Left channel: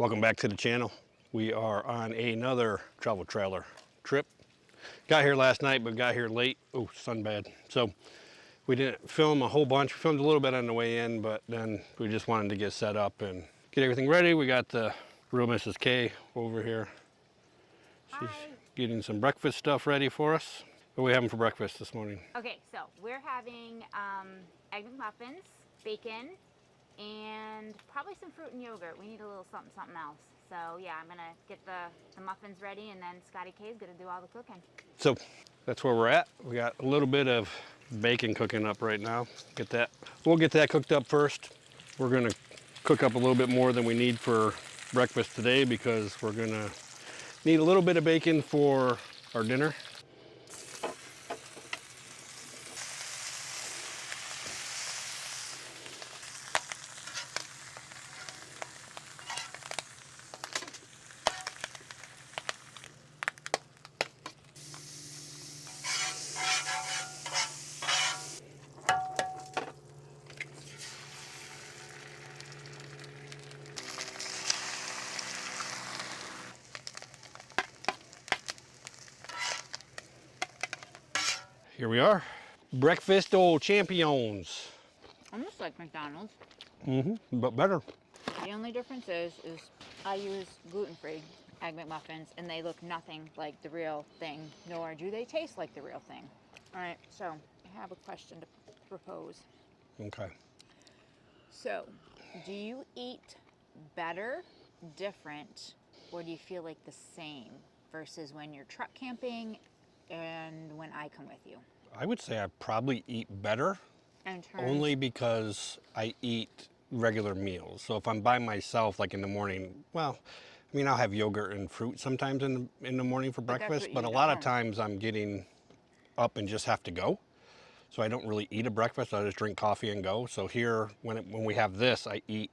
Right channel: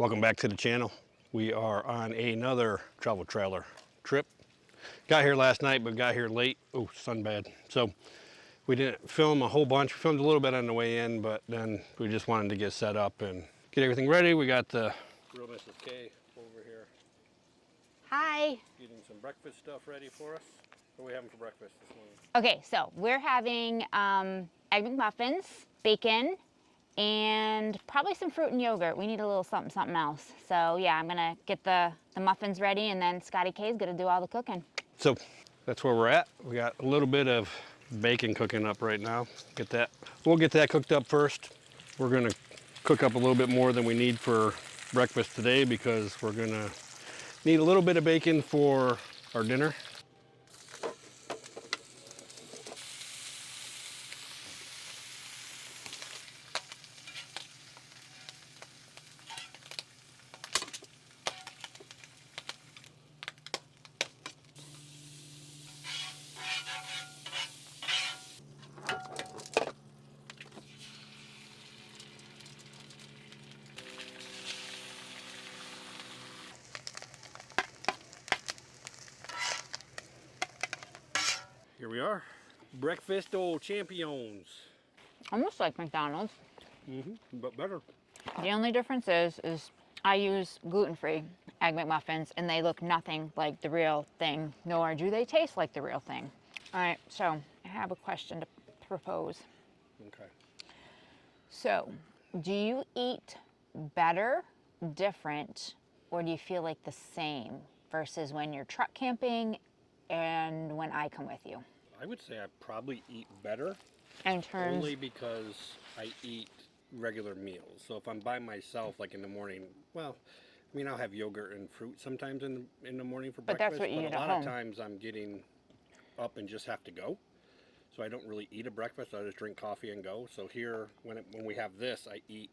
Welcome back to the channel. We are on another travel trailer trip. Got here last night, but got here late. Oh, sun bad. So we didn't film a whole bunch. We filmed a little bit on the way in, but then we just wanted to get set up and get everything ready. We got the real Mrs. K over here. Hi. She's getting some breakfast stuff ready for us. What are we having for breakfast this morning? Okay, so we're having egg McMuffins, bacon, and probably some fruit and yogurt. We need a little something else. So yeah, I'm gonna get the muffins ready, and then Scotty K's gonna do all the cooking. So that's where we're at. We got a little bit of bacon cooking up right now. We'll get that cooked up first. We're gonna cook up a little bit more than we need for breakfast today because we're gonna need a little bit of bacon for our dinner. Here we are, breakfast old champions. Almost like McDonald's. But better. The only difference is I use gluten-free egg McMuffins, and they look nothing like the real thing, nor do they taste like the real thing. All right, so I have a question to propose. Okay. So, do you eat better, different, or do you feel like the same versus when you're truck camping and when I come with you? I would say I probably eat better, only because I eat regular meals. So if I'm by myself, like in the morning, well, I mean, I'll have yogurt and fruit sometimes in the morning for breakfast, but a lot of times I'm getting up and just have to go. So I don't really eat a breakfast. I just drink coffee and go. So here, when we have this, I eat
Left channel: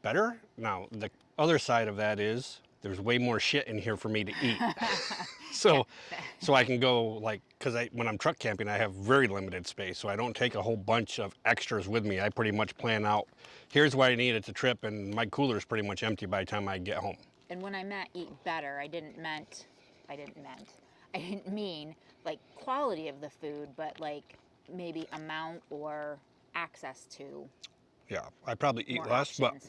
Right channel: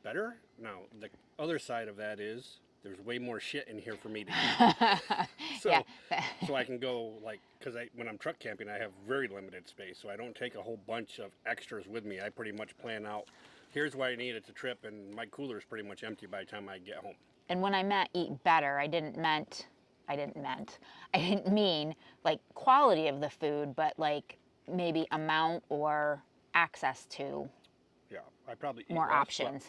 better. Now, the other side of that is there's way more shit in here for me to eat. So I can go, like, because when I'm truck camping, I have very limited space. So I don't take a whole bunch of extras with me. I pretty much plan out, here's what I need at the trip, and my cooler is pretty much empty by the time I get home. And when I meant eat better, I didn't mean like quality of the food, but like maybe amount or access to. Yeah, I probably eat more less, options.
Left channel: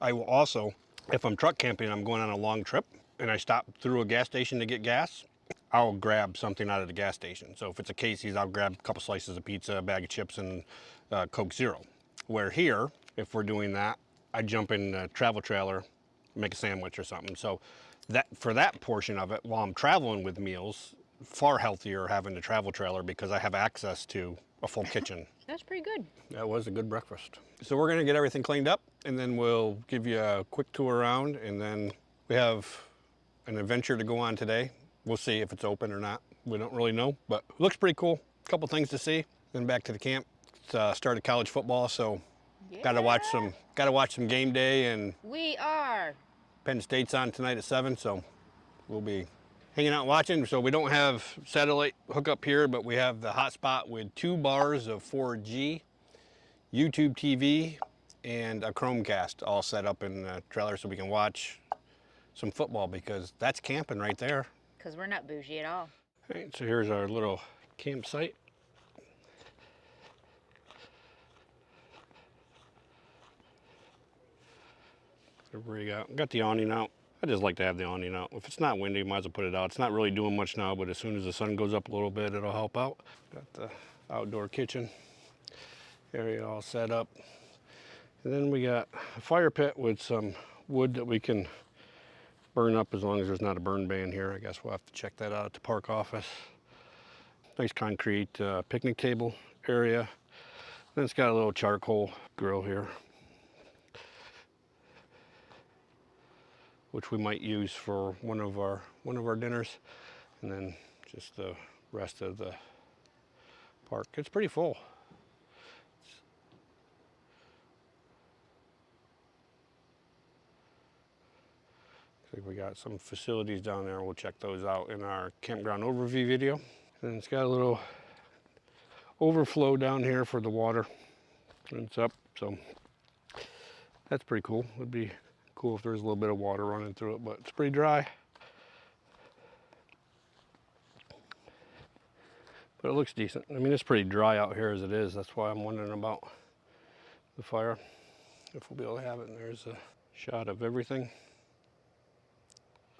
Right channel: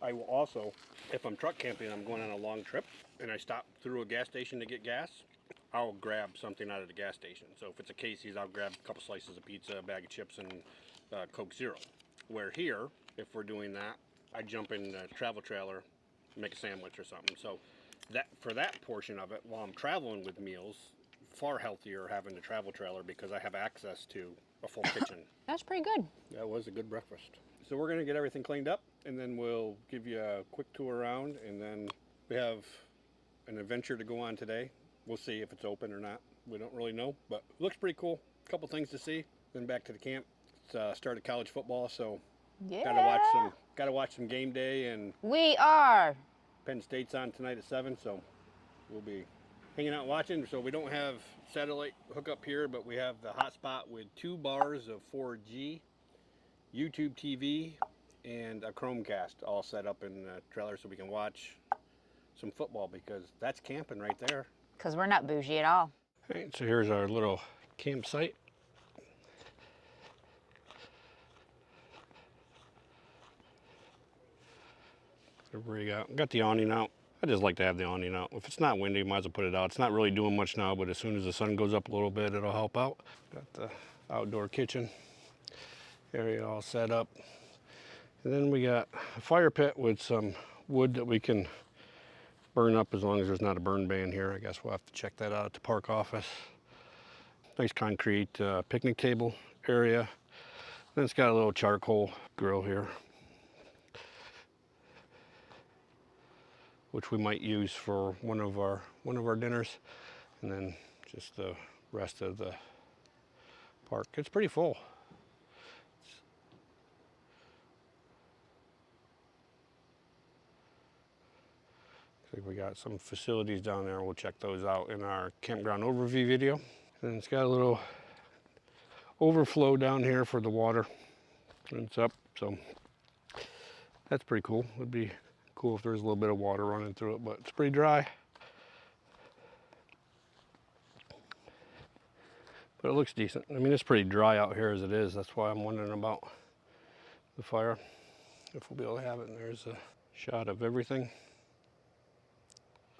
But I will also, if I'm truck camping, I'm going on a long trip, and I stop through a gas station to get gas, I'll grab something out of the gas station. So if it's a Casey's, I'll grab a couple slices of pizza, a bag of chips, and Coke Zero. Where here, if we're doing that, I jump in the travel trailer, make a sandwich or something. So for that portion of it, while I'm traveling with meals, far healthier having the travel trailer because I have access to a full kitchen. That's pretty good. That was a good breakfast. So we're gonna get everything cleaned up, and then we'll give you a quick tour around, and then we have an adventure to go on today. We'll see if it's open or not. We don't really know, but it looks pretty cool. A couple things to see. Then back to the camp. It's started college football, so Yeah. gotta watch some game day, and We are. Penn State's on tonight at 7, so we'll be hanging out watching. So we don't have satellite hookup here, but we have the hotspot with 2 bars of 4G, YouTube TV, and a Chromecast all set up in the trailer so we can watch some football, because that's camping right there. Because we're not bougie at all. All right, so here's our little campsite. Got the awning out. I just like to have the awning out. If it's not windy, might as well put it out. It's not really doing much now, but as soon as the sun goes up a little bit, it'll help out. Got the outdoor kitchen area all set up. And then we got a fire pit with some wood that we can burn up as long as there's not a burn ban here. I guess we'll have to check that out at the park office. Nice concrete picnic table area. Then it's got a little charcoal grill here, which we might use for one of our dinners, and then just the rest of the park. It's pretty full. Looks like we got some facilities down there. We'll check those out in our campground overview video. And it's got a little overflow down here for the water. And it's up, so that's pretty cool. It'd be cool if there's a little bit of water running through it, but it's pretty dry. But it looks decent. I mean, it's pretty dry out here as it is. That's why I'm wondering about the fire. If we'll be able to have it. And there's a shot of everything.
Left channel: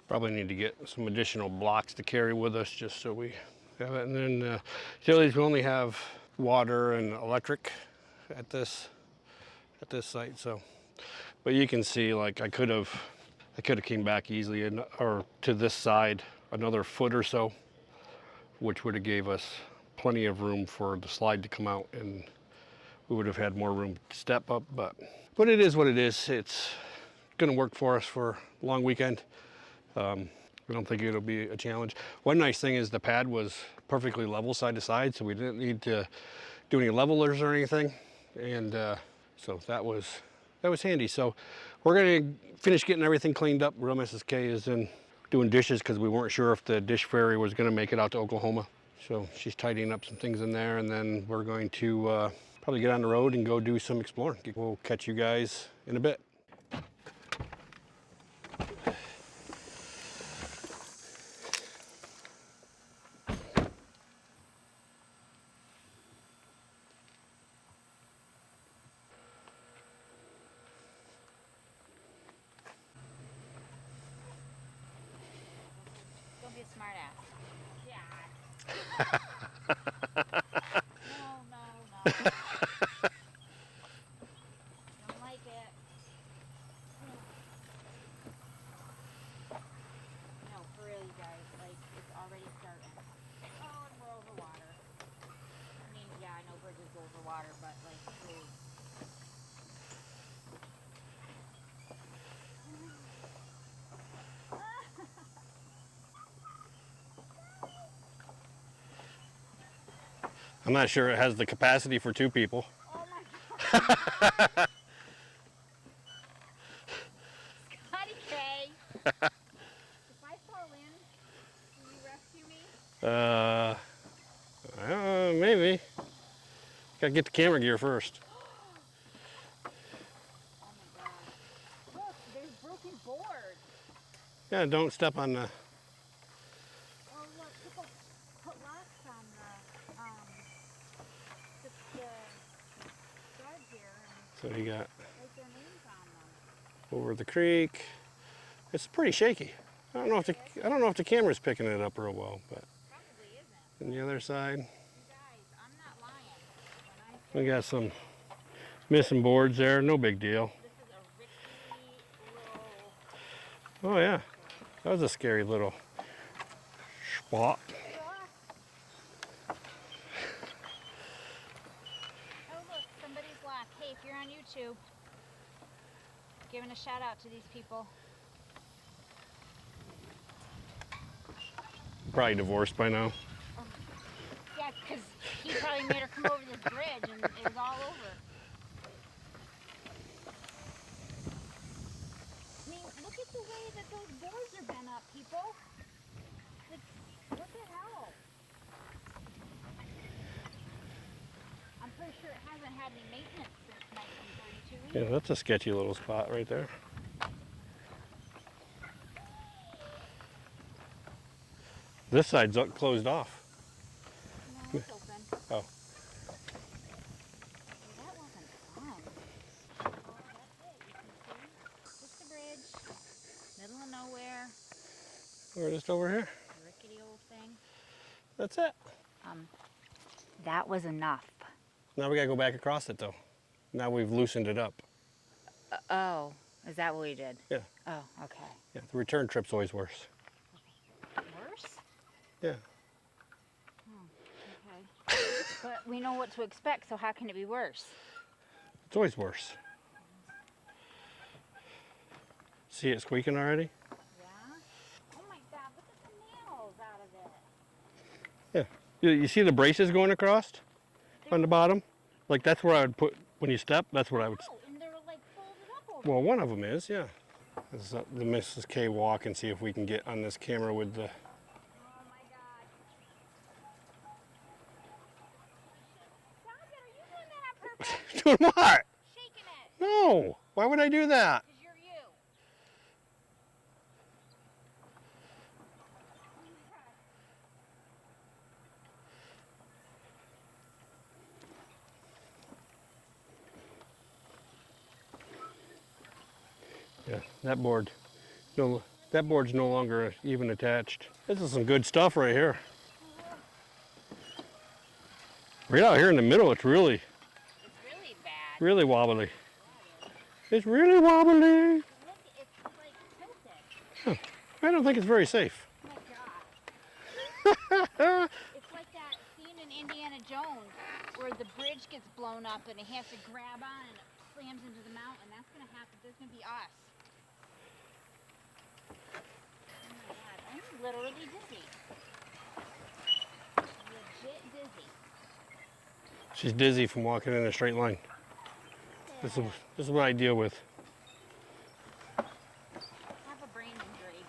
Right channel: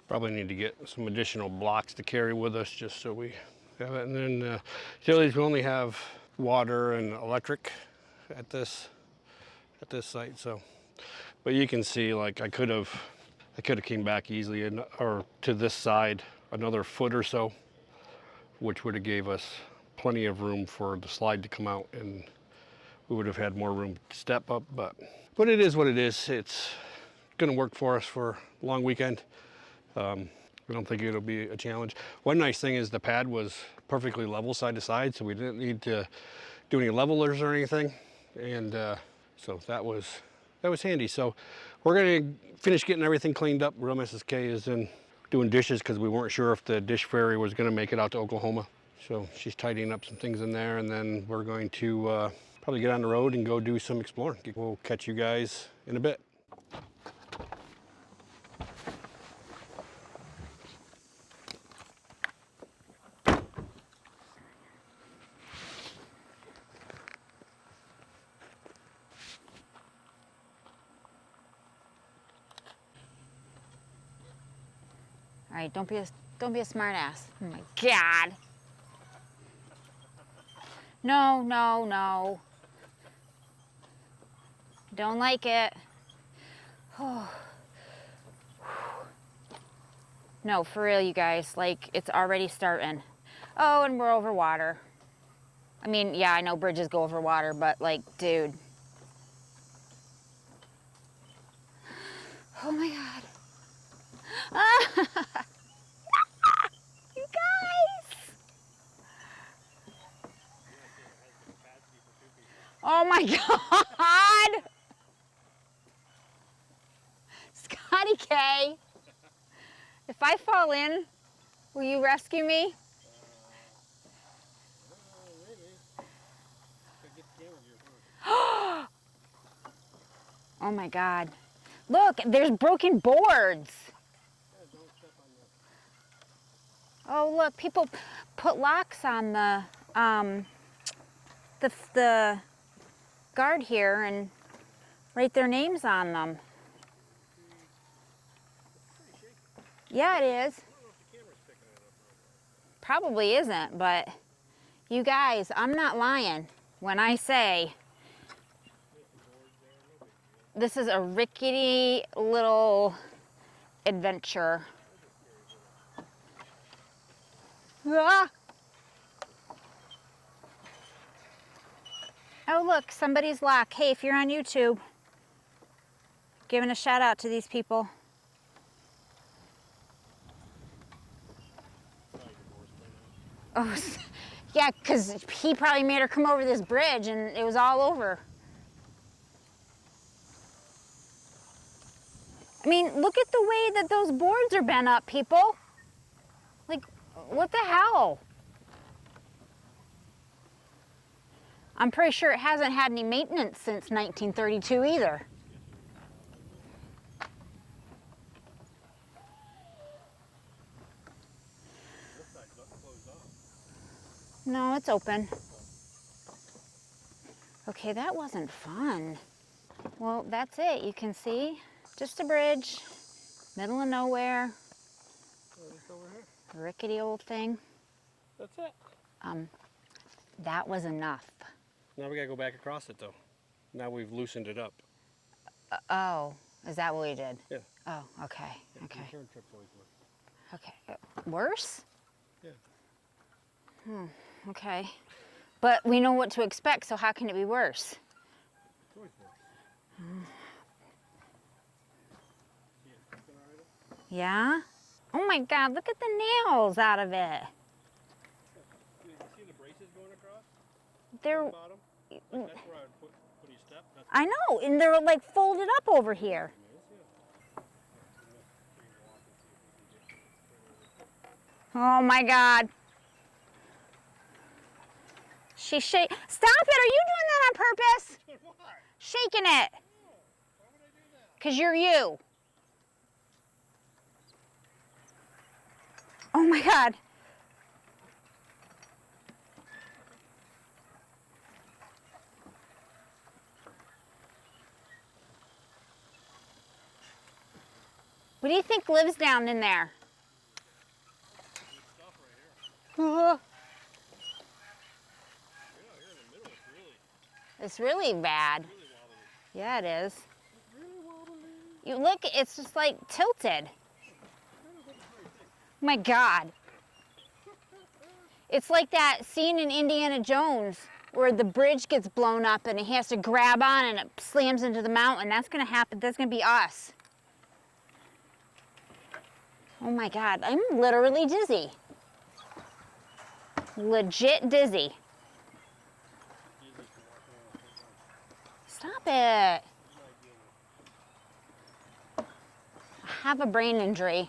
Probably need to get some additional blocks to carry with us just so we have it. And then utilities, we only have water and electric at this site. So, but you can see, like, I could have came back easily or to this side another foot or so, which would have gave us plenty of room for the slide to come out, and we would have had more room to step up. But it is what it is. It's going to work for us for a long weekend. I don't think it'll be a challenge. One nice thing is the pad was perfectly level side to side, so we didn't need to do any levelers or anything, and so that was handy. So we're going to finish getting everything cleaned up. Real Mrs. K is in doing dishes because we weren't sure if the dish ferry was going to make it out to Oklahoma. So she's tidying up some things in there, and then we're going to probably get on the road and go do some exploring. We'll catch you guys in a bit. All right, don't be a smart ass. Oh my God. No. Don't like it. No, for real, you guys. Like, it's already starting. Oh, and we're over water. I mean, yeah, I know bridges go over water, but like, dude. Oh my God. You guys. I'm not sure it has the capacity for 2 people. Oh my God. Scotty K. If I fall in, will you rescue me? Maybe. Gotta get the camera gear first. Oh my God. Look, there's broken boards. Yeah, don't step on the... Oh, look, people put locks on the guard here and So you got write their names on them. over the creek. It's pretty shaky. Yeah, it is. I don't know if the camera's picking it up real well, but... Probably isn't, but... On the other side. You guys, I'm not lying when I We say... got some missing boards there, no big deal. This is a rickety little adventure. Yeah. That was a scary little spot. Ah. Oh, look, somebody's lock. Hey, if you're on YouTube, giving a shout out to these people. Probably divorced by now. Oh, yeah, because he probably made her come over this bridge and it was all over. I mean, look at the way that those boards are bent up, people. Like, what the hell? I'm pretty sure it hasn't had any maintenance since 1932 either. Yeah, that's a sketchy little spot right there. This side's closed off. No, it's open. Oh. Okay, that wasn't fun. Well, that's it. You can see just a bridge, middle of nowhere. We're just over here. Rickety old thing. That's it. That was enough. Now we gotta go back across it though. Now we've loosened it up. Oh, is that what we did? Yeah. Oh, okay. Yeah. Okay. Return trip's always worse. Okay. Worse? Yeah. Okay. But we know what to expect, so how can it be worse? It's always worse. See it squeaking already? Yeah? Oh my God, look at the nails out of it. Yeah. You see the braces going across on the bottom? Like that's where I would put, when you step, that's where I know, and they're like folded up over well, here. one of them is, yeah. This is the Mrs. K walk and see if we can get on this camera with the... Oh my God. She's shaking. Stop it, are you doing that on purpose? Doing what? Shaking it. No, why would I do that? Because you're you. my God. Yeah, that board. What do you think lives that down board's in no there? longer even attached. This is some good stuff right here. Right out here in the middle, it's really bad. really wobbly. Yeah, it is. It's really wobbly. You look, it's just like tilted. Huh. I don't think it's very safe. Oh my God. It's like that scene in Indiana Jones where the bridge gets blown up and he has to grab on and it slams into the mountain. That's gonna happen. That's gonna be us. Oh my God, I'm literally dizzy. Legit dizzy. She's dizzy from walking in a straight line. Stop it. This is what I deal with. I have a brain injury.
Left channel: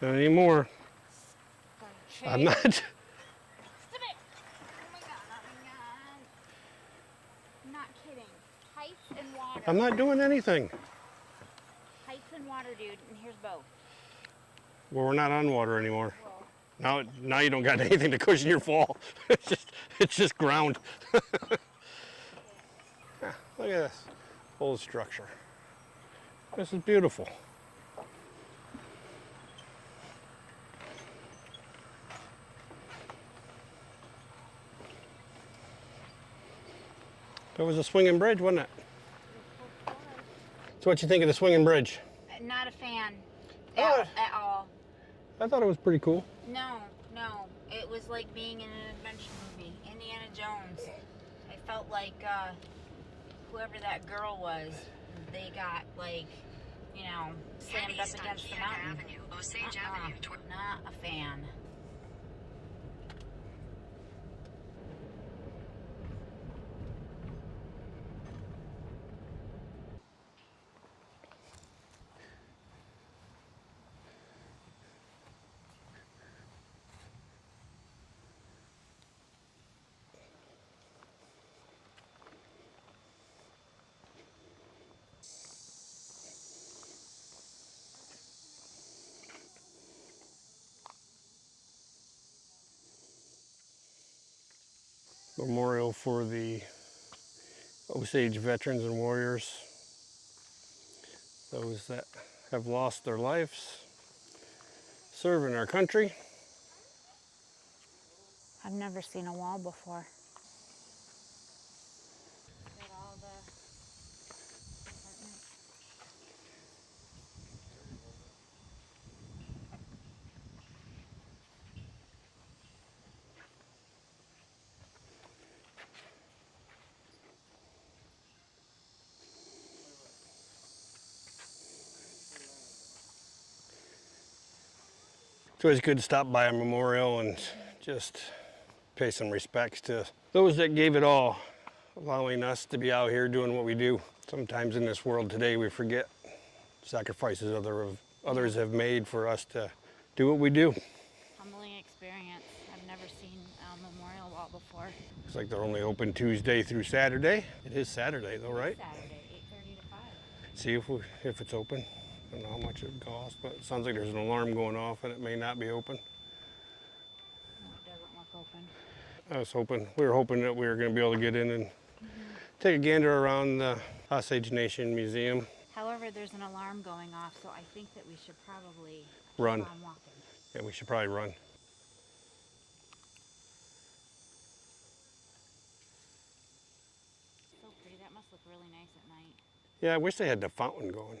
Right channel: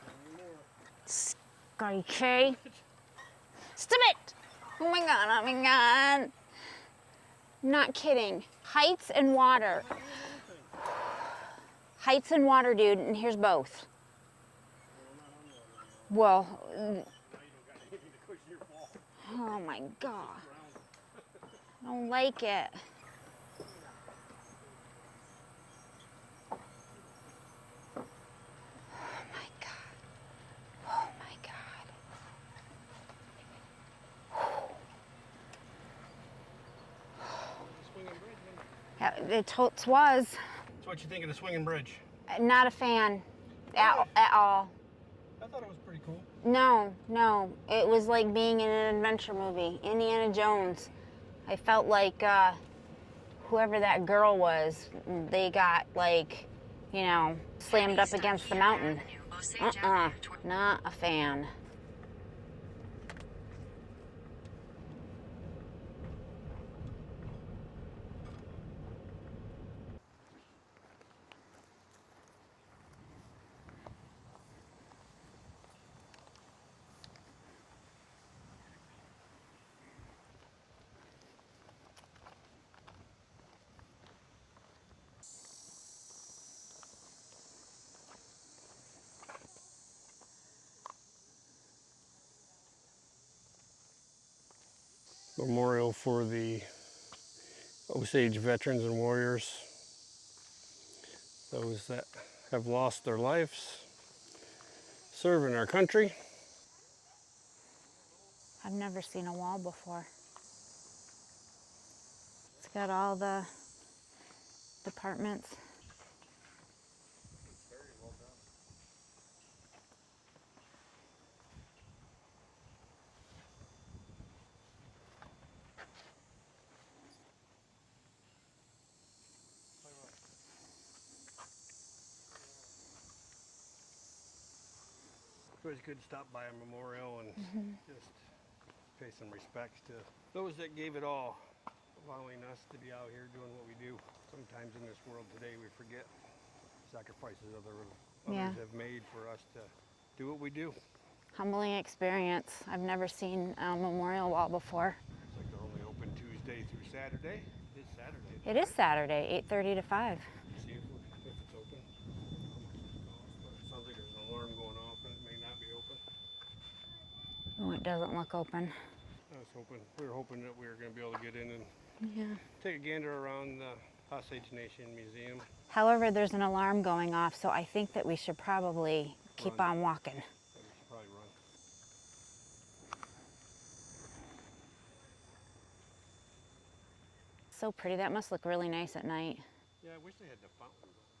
Not anymore. Are you I'm kidding? not. Stop it! Oh my God, oh my God. Not kidding. Heights and water. I'm not doing anything. Heights and water, dude, and here's both. Well, we're not on water anymore. Well, Now you don't got anything to cushion your fall. oh my God. It's just ground. I don't like it. Yeah, look at this whole structure. This is beautiful. Oh my God. Oh my God. It was a swinging bridge, wasn't it? It was. So what you think of the swinging bridge? Not a fan What? at all. I thought it was pretty cool. No. It was like being in an adventure movie. Indiana Jones. I felt like whoever that girl was, they got like, you know, slammed up against the mountain. Not a fan. Memorial for the Osage veterans and warriors, those that have lost their lives serving our country. I've never seen a wall before. It's got all the departments. It's always good to stop by a memorial and just pay some respects to those that gave it all, allowing us to be out here doing what we do. Sometimes in this world today we forget sacrifices others have made for us to do what we do. Humbling experience. I've never seen a memorial wall before. It's like they're only open Tuesday through Saturday. It is Saturday though, right? It is Saturday, 8:30 to 5. See if it's open. I don't know how much it costs, but it sounds like there's an alarm going off and it may not be open. Oh, it doesn't look open. We were hoping that we were going to be able to get in and take a gander around the Osage Nation Museum. However, there's an alarm going off, so I think that we should probably keep Run. on walking. Yeah, we should probably run. So pretty. That must look really nice at night. Yeah, I wish they had the fountain going.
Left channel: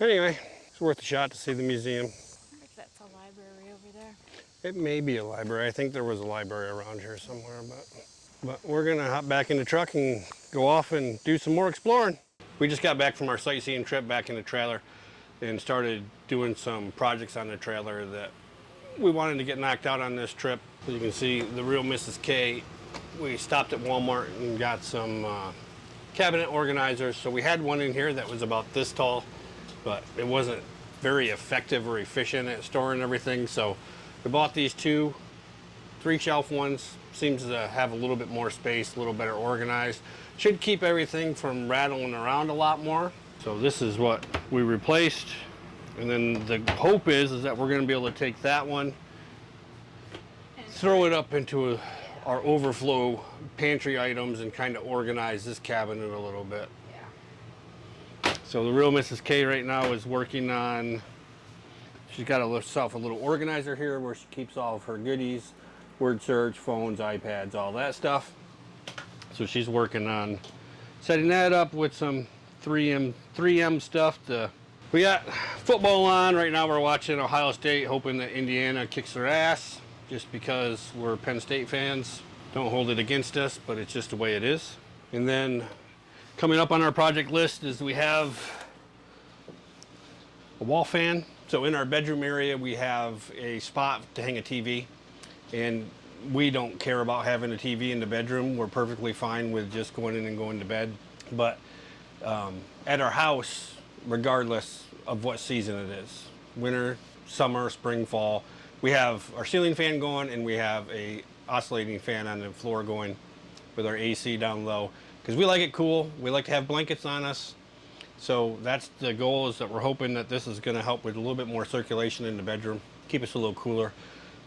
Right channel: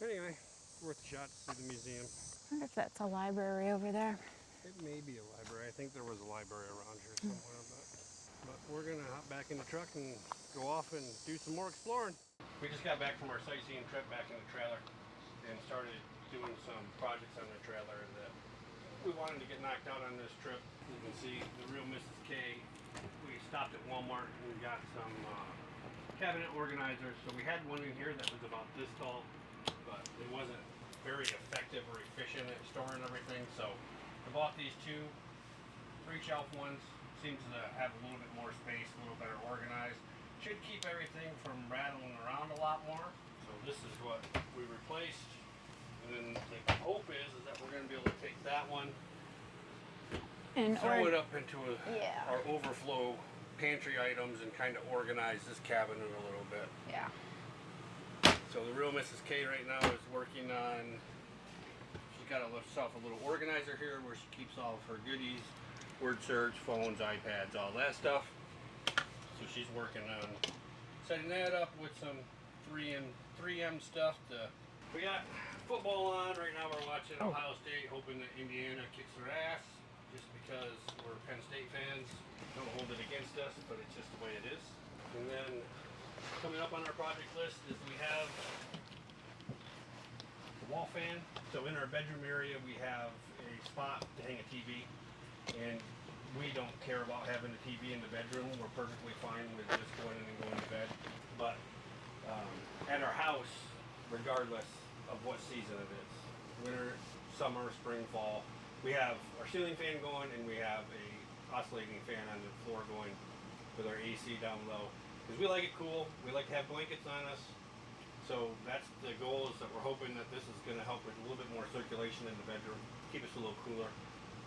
Anyway, it's worth a shot to see the museum. I wonder if that's a library over there. It may be a library. I think there was a library around here somewhere, but we're gonna hop back in the truck and go off and do some more exploring. We just got back from our sightseeing trip back in the trailer and started doing some projects on the trailer that we wanted to get knocked out on this trip. As you can see, the real Mrs. K we stopped at Walmart and got some cabinet organizers. So we had one in here that was about this tall, but it wasn't very effective or efficient at storing everything. So we bought these 2 3-shelf ones. Seems to have a little bit more space, a little better organized. Should keep everything from rattling around a lot more. So this is what we replaced. And then the hope is that we're going to be able to take that one and throw it up into our overflow pantry items and kind of organize this cabinet a little bit. Yeah. So the real Mrs. K right now is working on, she's got herself a little organizer here where she keeps all of her goodies, word search, phones, iPads, all that stuff. So she's working on setting that up with some 3M stuff. We got football on right now. We're watching Ohio State, hoping that Indiana kicks their ass. Just because we're Penn State fans. Don't hold it against us, but it's just the way it is. And then coming up on our project list is we have a wall fan. So in our bedroom area, we have a spot to hang a TV. And we don't care about having a TV in the bedroom. We're perfectly fine with just going in and going to bed. But at our house, regardless of what season it is, winter, summer, spring, fall, we have our ceiling fan going and we have a oscillating fan on the floor going with our AC down low. Because we like it cool, we like to have blankets on us. So that's the goal, is that we're hoping that this is going to help with a little bit more circulation in the bedroom, keep us a little cooler,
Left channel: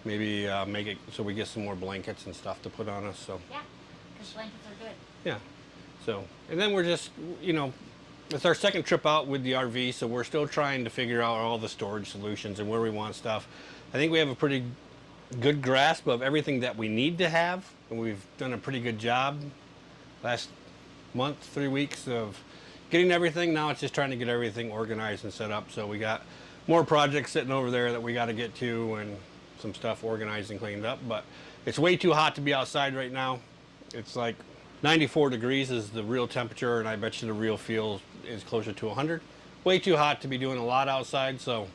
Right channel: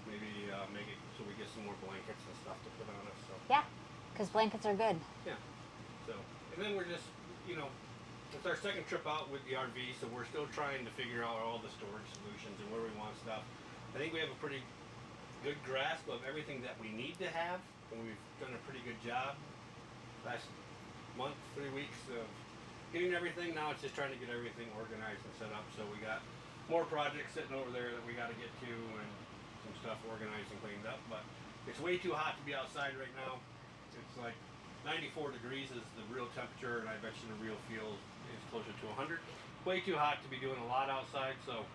maybe make it so we get some more blankets and stuff to put on us. So yeah, because blankets are good. Yeah. So, and then we're just, you know, it's our second trip out with the RV, so we're still trying to figure out all the storage solutions and where we want stuff. I think we have a pretty good grasp of everything that we need to have, and we've done a pretty good job last month, 3 weeks of getting everything. Now it's just trying to get everything organized and set up. So we got more projects sitting over there that we got to get to, and some stuff organized and cleaned up. But it's way too hot to be outside right now. It's like 94 degrees is the real temperature, and I bet you the real feel is closer to 100. Way too hot to be doing a lot outside. So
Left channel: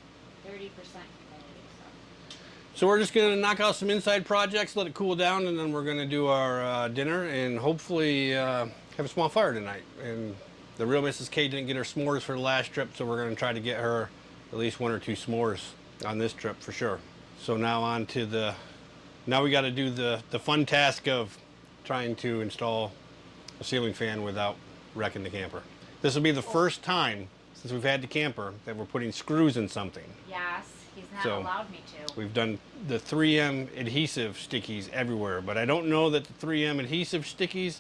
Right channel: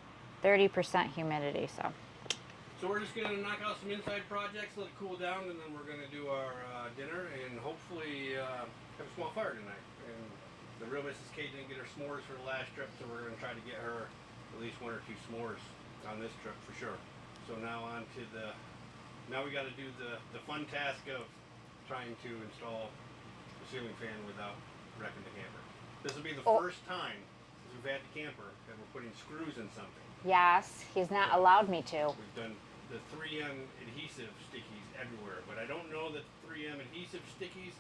30% humidity, so we're just going to knock out some inside projects, let it cool down, and then we're going to do our dinner and hopefully have a small fire tonight. And the real Mrs. K didn't get her s'mores for the last trip, so we're going to try to get her at least 1 or 2 s'mores on this trip for sure. So now on to now we got to do the fun task of trying to install a ceiling fan without wrecking the camper. This will be the first time since we've had the camper that we're putting screws in something. yes, he's not allowed me to. We've done the 3M adhesive stickies everywhere, but I don't know that the 3M adhesive stickies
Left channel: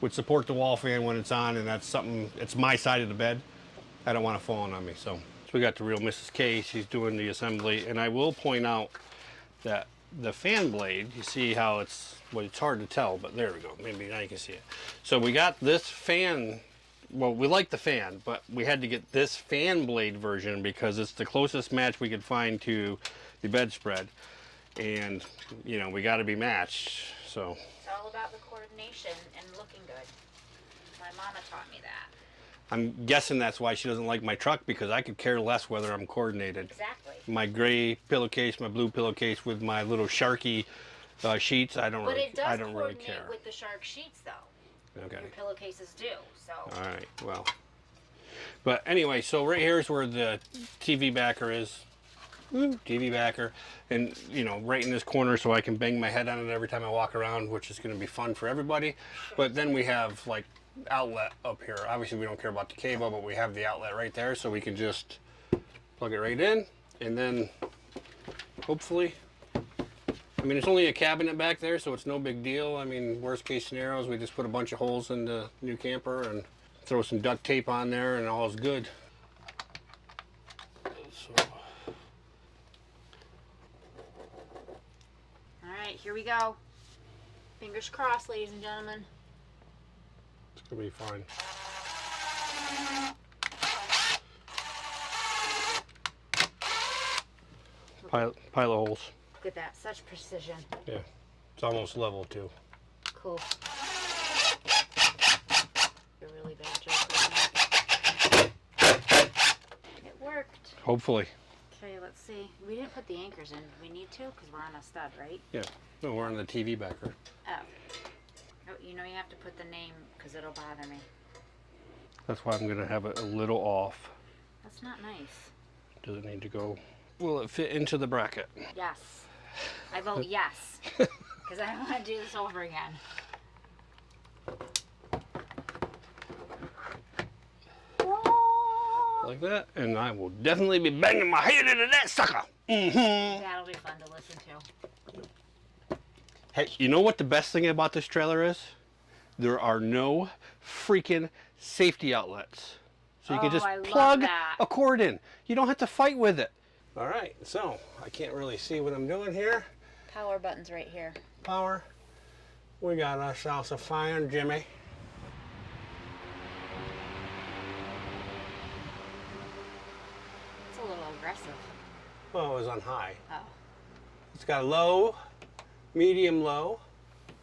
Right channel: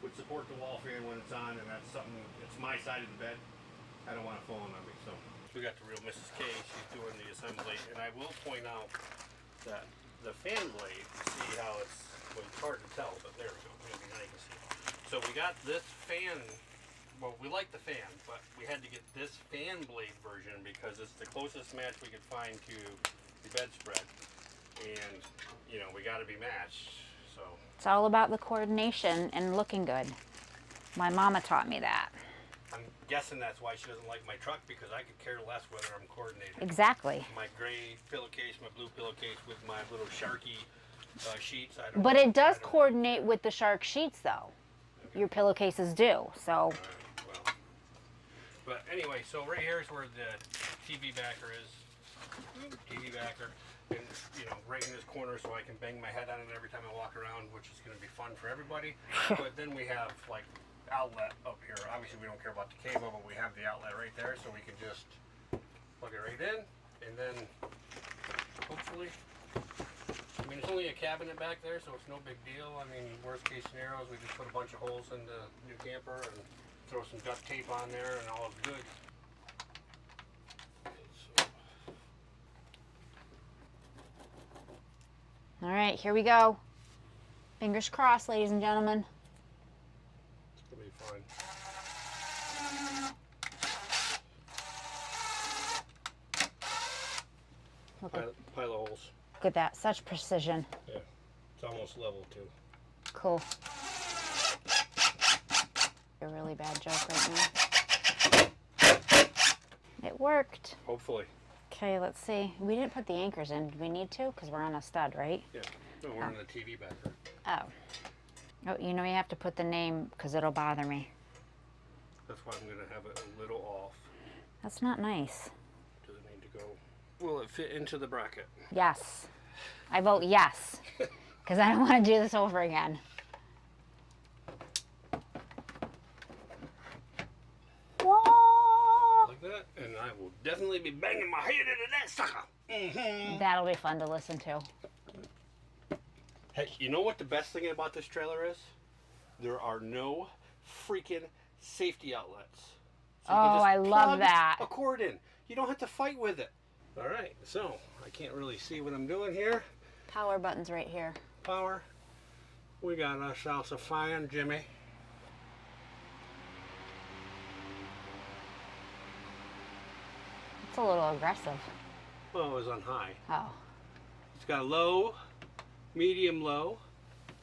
would support the wall fan when it's on, and that's something, it's my side of the bed. I don't want it falling on me. So we got the real Mrs. K, she's doing the assembly, and I will point out that the fan blade, you see how it's, well, it's hard to tell, but there we go, maybe now you can see it. So we got this fan. Well, we like the fan, but we had to get this fan blade version because it's the closest match we could find to the bedspread. And, you know, we got to be matched, so. It's all about the coordination and looking good. My mama taught me that. I'm guessing that's why she doesn't like my truck, because I could care less whether I'm coordinated. Exactly. My gray pillowcase, my blue pillowcase with my little Sharky sheets, I don't But really, it does I don't coordinate really with the shark sheets, though. Okay. Your pillowcases do, so. All right, well. But anyway, so right here is where the TV backer is. TV backer. And, you know, right in this corner so I can bang my head on it every time I walk around, which is going to be fun for everybody. But then we have, like, outlet up here. Obviously, we don't care about the cable, but we have the outlet right there, so we can just plug it right in. And then, hopefully, I mean, it's only a cabinet back there, so it's no big deal. I mean, worst case scenarios, we just put a bunch of holes in the new camper and throw some duct tape on there, and all is good. So. All right, here we go. Fingers crossed, ladies and gentlemen. It's gonna be fine. Pile of holes. Look at that, such precision. Yeah, it's almost level too. Cool. A really bad joke right now. It worked. Hopefully. Okay, let's see. We didn't put the anchors in. Do we need to? Because we're on a stud, right? Yeah. No, we're on the TV backer. Oh. Oh, you know you have to put the name because it'll bother me. That's why I'm gonna have it a little off. That's not nice. Does it need to go? Will it fit into the bracket? Yes. I vote yes. Because I don't want to do this over again. Like that, and I will definitely be banging my head into that sucker. That'll be fun to listen to. Hey, you know what the best thing about this trailer is? There are no freaking safety outlets. So you can just plug a cord in. You don't have to fight with it. All right, so I can't really see what I'm doing here. Power button's right here. Power. We got ourselves a fire, Jimmy. It's a little aggressive. Oh, it was on high. Oh. It's got low, medium low,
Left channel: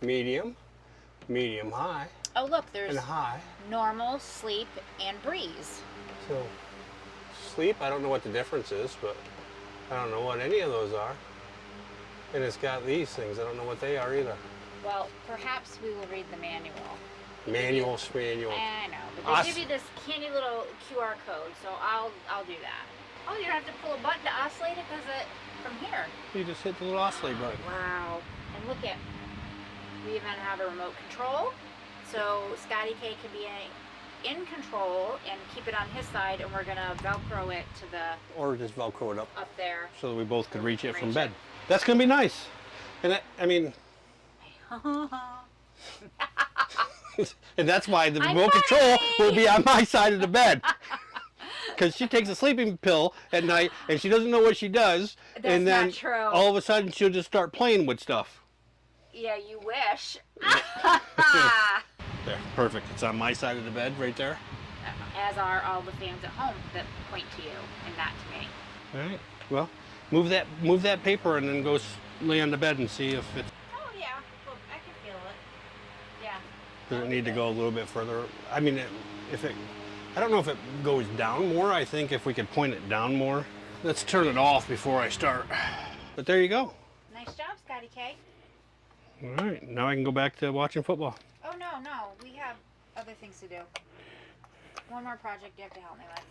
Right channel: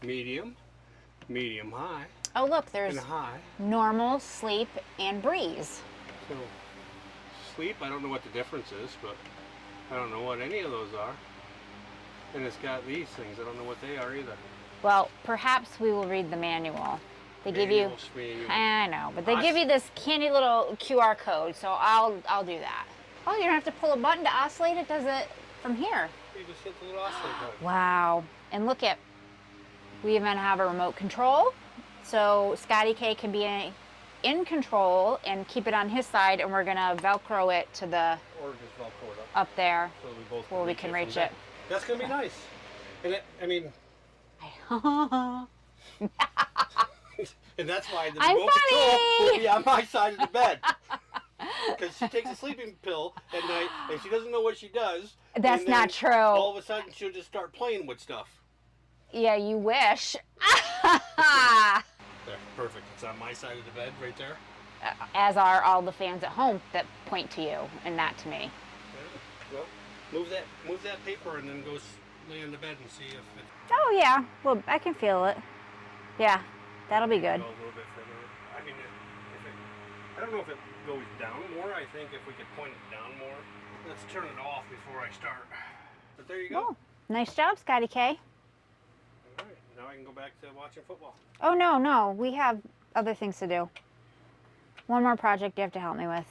medium, medium high. Oh, look, there's and high. Normal, sleep, and breeze. So, sleep, I don't know what the difference is, but I don't know what any of those are. And it's got these things. I don't know what they are either. Well, perhaps we will read the manual. They Manual. I know, but they give you this candy little QR code, so I'll do that. Oh, you don't have to pull a button to oscillate, it does it from here. You just hit the little oscillate button. Wow. And look at, we even have a remote control, so Scotty K can be in control and keep it on his side, and we're gonna Velcro it to the... Or just Velcro it up there. So that we both can reach it from bed. That's gonna be nice. And I mean... and that's why the remote control will be on my side of the bed. Because she takes a sleeping pill at night and she doesn't know what she does. That's and then not true. All of a sudden she'll just start playing with stuff. Yeah, you wish. There, perfect. It's on my side of the bed right there. As are all the fans at home that point to you and not to me. All right. Well, move that paper and then go lay on the bed and see if it's... Oh yeah. Well, I can feel it. Yeah, that'll be good. Need to go a little bit further. I mean, I don't know if it goes down more. I think if we could point it down more. Let's turn it off before I start. But there you go. Nice job, Scotty K. All right, now I can go back to watching football. Oh, no, we have other things to do. One more project you have to help me with.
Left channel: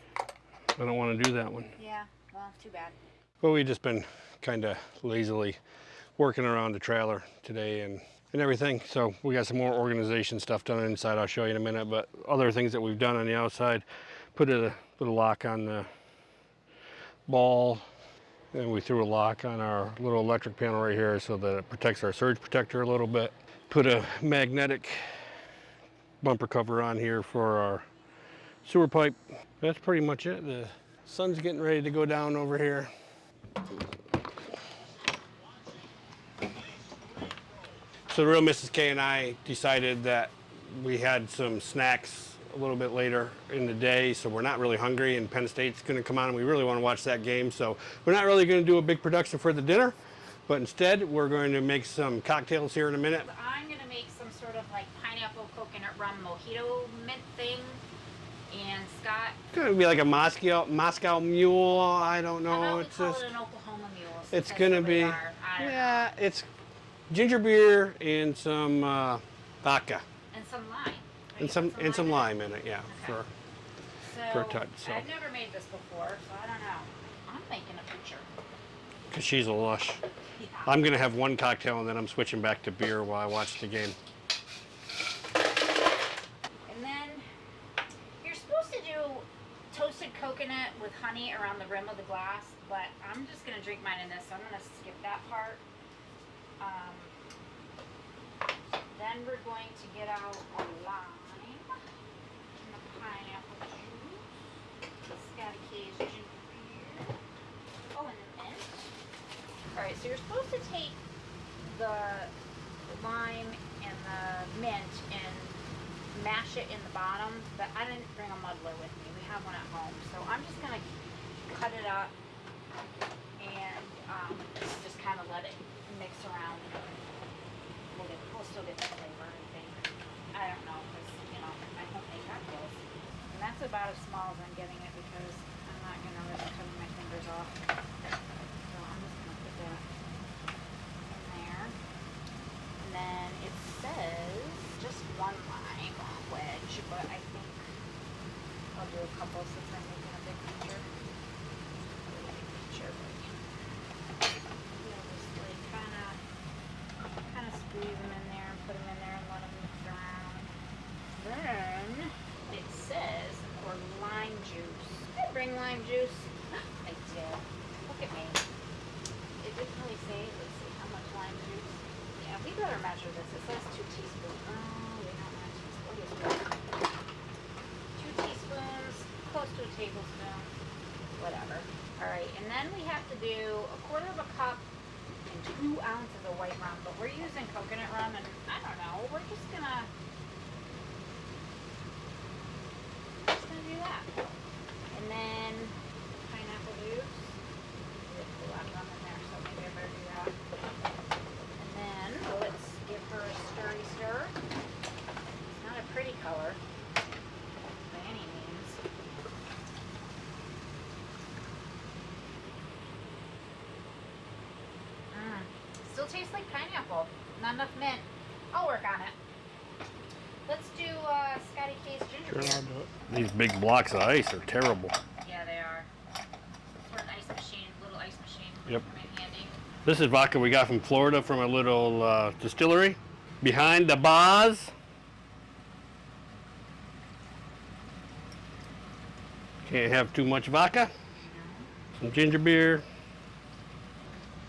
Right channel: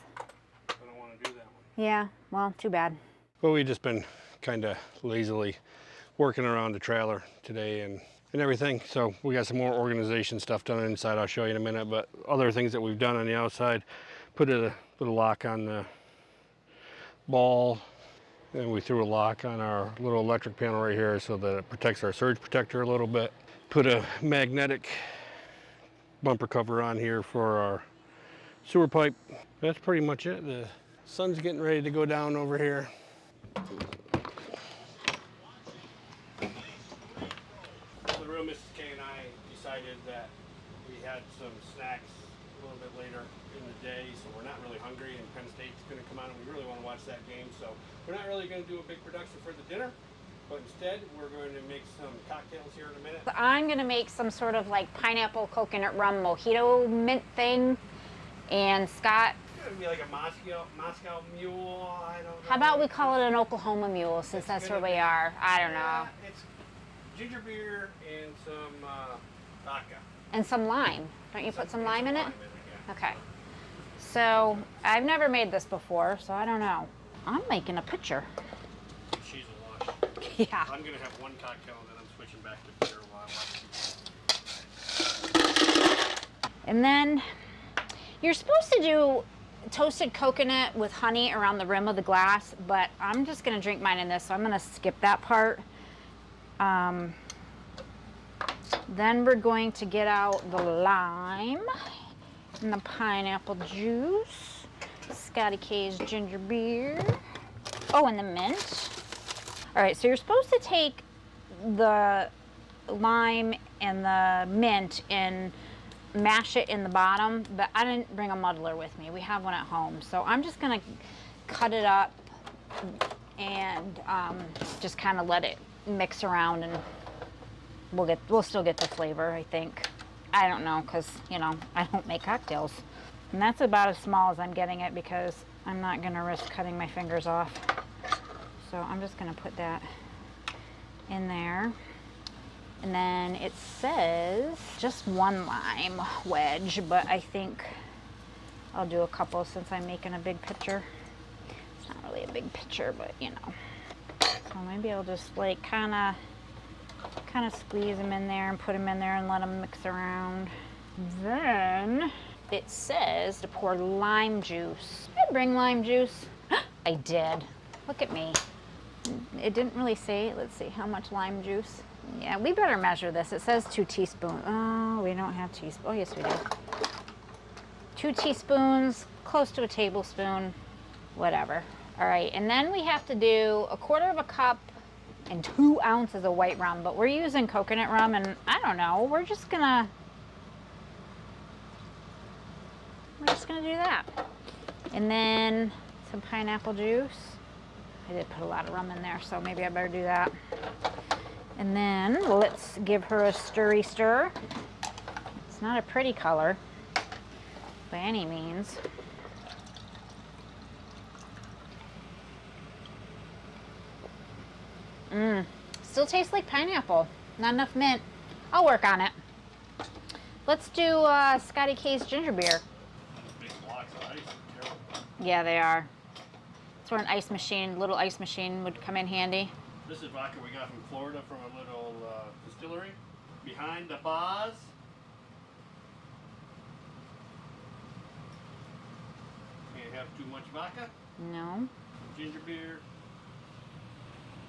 I don't want to do that one. Yeah, well, too bad. Well, we've just been kind of lazily working around the trailer today and everything. So we got some more organization stuff done inside. I'll show you in a minute, but other things that we've done on the outside, put a little lock on the ball, and we threw a lock on our little electric panel right here so that it protects our surge protector a little bit. Put a magnetic bumper cover on here for our sewer pipe. That's pretty much it. The sun's getting ready to go down over here. So the real Mrs. K and I decided that we had some snacks a little bit later in the day, so we're not really hungry, and Penn State's going to come on and we really want to watch that game, so we're not really going to do a big production for the dinner, but instead we're going to make some cocktails here in a minute. I'm going to make some sort of like pineapple coconut rum mojito mint thing, and Scott... It's going to be like a Moscow mule, I don't know. How about we call it an Oklahoma mule, since that's where we are? I don't know. Yeah, it's ginger beer and some vodka. And some lime. Don't you put some lime in it? And some lime in it, yeah. Okay. So, I've never made this before, so I don't know. I'm making a picture. Because she's a lush. Yeah. I'm going to have one cocktail and then I'm switching back to beer while I watch the game. And then, you're supposed to do toasted coconut with honey around the rim of the glass, but I'm just going to drink mine in this, so I'm going to skip that part. Then we're going to get out the lime and the pineapple juice, Scotty K's ginger beer, oh, and the mint. All right, so you're supposed to take the lime and the mint and mash it in the bottom, but I didn't bring a muddler with me. We have one at home, so I'm just gonna cut it up and just kind of let it mix around, and we'll still get the flavor, I think. I don't know, because, you know, I don't make cocktails. And that's about as small as I'm getting it because I'm not going to risk cutting my fingers off. So I'm just going to put that in there. And then it says just one lime wedge, but I think I'll do a couple since I'm making a big pitcher. It's not really a big pitcher, but you know. So maybe I'll just like kind of squeeze them in there and put them in there and let them mix around. Then it says to pour lime juice. Did I bring lime juice? I did. Look at me. It didn't really say. Let's see how much lime juice. Yeah, we better measure this. It says 2 teaspoons. Oh, we don't have teaspoons. Oh, yes, we do. 2 teaspoons, close to a tablespoon, whatever. All right, and then we have to do 1/4 cup and 2 ounces of white rum, but we're using coconut rum, and I don't know, we're just gonna do that. And then some pineapple juice. I did put a lot of rum in there, so maybe I better do that. And then let's give her a stirry stir. It's not a pretty color by any means. Still tastes like pineapple. Not enough mint. I'll work on it. Let's do Scotty K's ginger beer. These big blocks of ice are terrible. Yeah, they are. That's where an ice machine, little ice machine would come in handy. This is vodka we got from Florida from a little distillery behind the bars. Can't have too much vodka. No. Some ginger beer.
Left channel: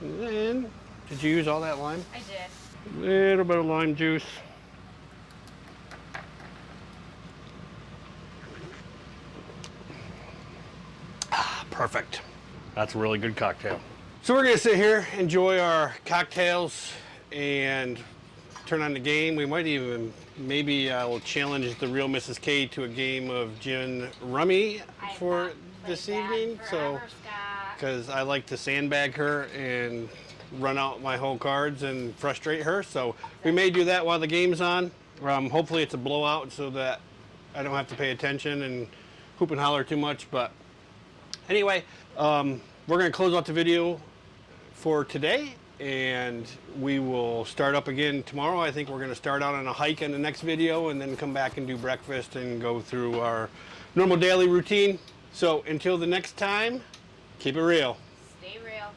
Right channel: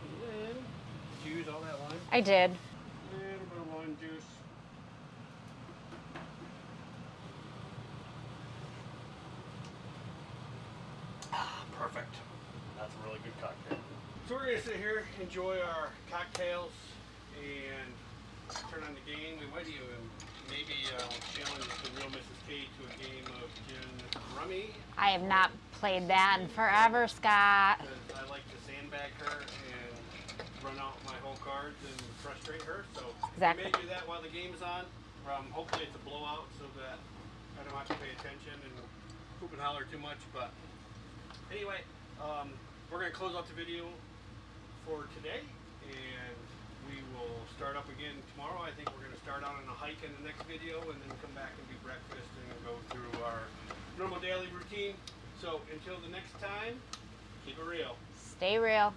And then, did you use all that lime? I did. A little bit of lime juice. Perfect. That's a really good cocktail. So we're gonna sit here, enjoy our cocktails, and turn on the game. We might even, maybe I'll challenge the real Mrs. K to a game of gin rummy. I have not played that in forever, Scott. Because I like to sandbag her and run out my whole cards and frustrate her. So we may do that while the game's on. Hopefully it's a blowout so that I don't have to pay attention and hoop and holler too much. But anyway, we're going to close out the video for today, and we will start up again tomorrow. I think we're going to start out on a hike in the next video and then come back and do breakfast and go through our normal daily routine. So until the next time, keep it real. Stay real.